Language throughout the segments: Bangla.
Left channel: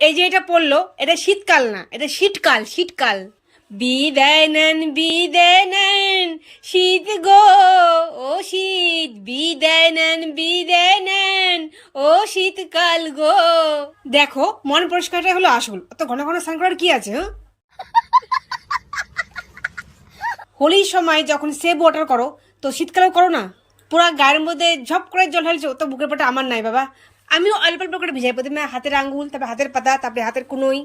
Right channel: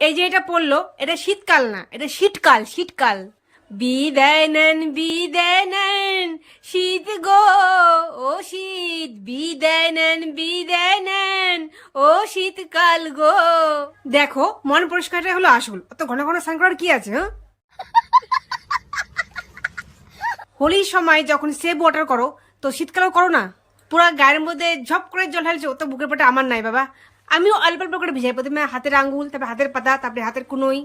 এই যে এটা পড়ল, এটা শীতকাল না, এটা শীতকাল শীতকাল। বিদায় নেন বিদায় নেন শীত গো, ও শীত। বিদায় নেন বিদায় নেন ও শীতকাল গো। দেখো, মন পরিষ্কারটা হলো আসল। অত ঘন ঘন স্নান করার কি আছে হ্যাঁ? হোলির সময় যখন সেভ ওয়াটার করো, তো শীতকালেও করো না? পুরা গায়ের মধ্যে ঝপ করে জল ঢালছে, তো বুকের পাটা আমার নাই বাবা। আমিও অল্প অল্প করে ভিজাই, প্রথমে হাতের আঙ্গুল, তারপরে হাতের পাতা, তারপরে হাতের কুনোই।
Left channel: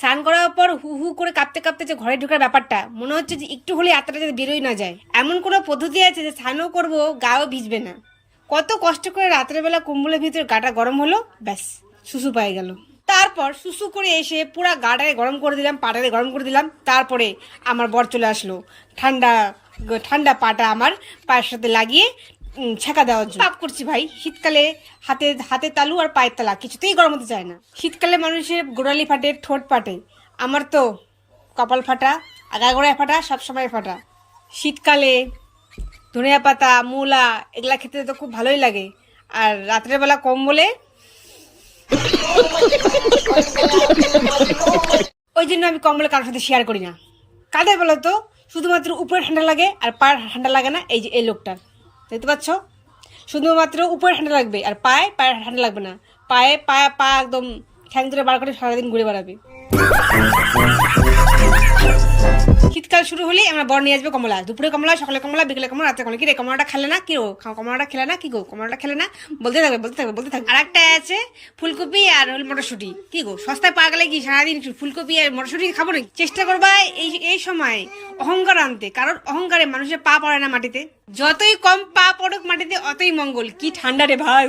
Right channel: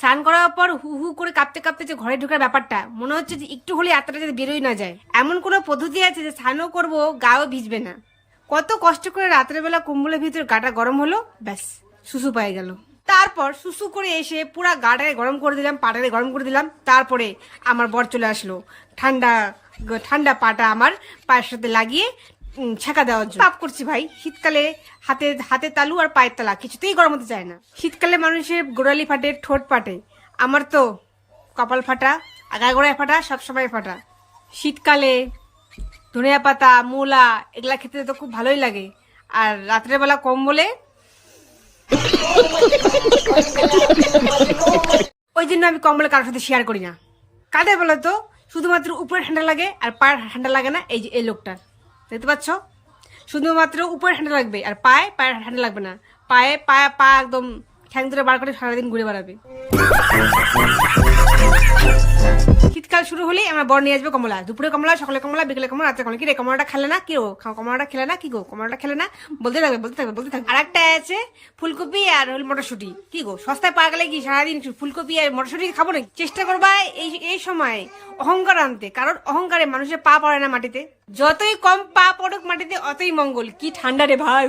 স্নান করার পর হু হু করে কাঁপতে কাঁপতে যে ঘরে ঢোকার ব্যাপারটা, মনে হচ্ছে যে একটু হলে আত্মাটা যাতে বেরোই না যায়। এমন কোনো পদ্ধতি আছে যে স্নানও করব, গাও ভিজবে না। কত কষ্ট করে রাত্রেবেলা কুম্বলের ভিতরে গাটা গরম হলো, ব্যাস, সুসু পায়ে গেল। তারপর সুসু করে এসে পুরা গাটাকে গরম করে দিলাম, পাটাকে গরম করে দিলাম, তারপরে আমার বর চলে আসলো। ঠান্ডা ঠান্ডা পাটা আমার পায়ের সাথে লাগিয়ে ছেঁকা দেওয়ার জন্য। পাপ করছি ভাই। শীতকালে হাতে হাতে তালু আর পায়ের তালা, কিছুতেই গরম হতে চায় না। শীতকালে মানুষের গোড়ালি ফাটে, ঠোঁট ফাটে। আমার তো কপাল ফাটা আগা গোড়ায় ফাটা, সবসময় ফাটা। শীতকালে ধনিয়া পাতা, মূলা, এগুলা খেতে তো খুব ভালোই লাগে। আর রাত্রের বেলা কম্বলে ওই জন্য আমি কম্বলে কারোর সাথে শেয়ার করি না। কাদের বলো তো? শুধুমাত্র উপরে ঠান্ডা লাগে আর পায়ের ঠান্ডা লাগে না, এই যে, এই লোকটার। দেখতে পাচ্ছ? শুধুমাত্র উপরে ঠান্ডা লাগবে, আর পায়ে পায়ে ঠান্ডা লাগবে না। পায়ে পায়ে, পা একদম ঠ্যাং ধরে বার করে সারাদিন ঘুরে বেড়াবে। শীতকাল শুরু হলেই আমরা বর নিয়ে আসবে কমলা। দুপুরে কমলা, সকালে কমলা, বিকেলে কমলা, রাত্রে কমলা। কি রে কমলাটা খেলে না? কি গো? খাও, কমলাটা খেলে না? কি গো? কমলাটা খেলে না? বলতে থাকবে বলতে থাকবে বলতে থাকবে। আর একটা আছে ফুলকপি আর হল মটরশুটি। কি গো? সস্তায় পা গেলে কি সারাদিন ফুলকপি আর মটরশুটি খাব না চেষ্টা করবা এই এই সময় অহংকার আনতে, কারণ অহংকারে মানুষের পা পড়ে না মাটিতে। যতই কম পা পড়ুক মাটিতে, অতই মঙ্গল। কি ঠান্ডা রে ভাই।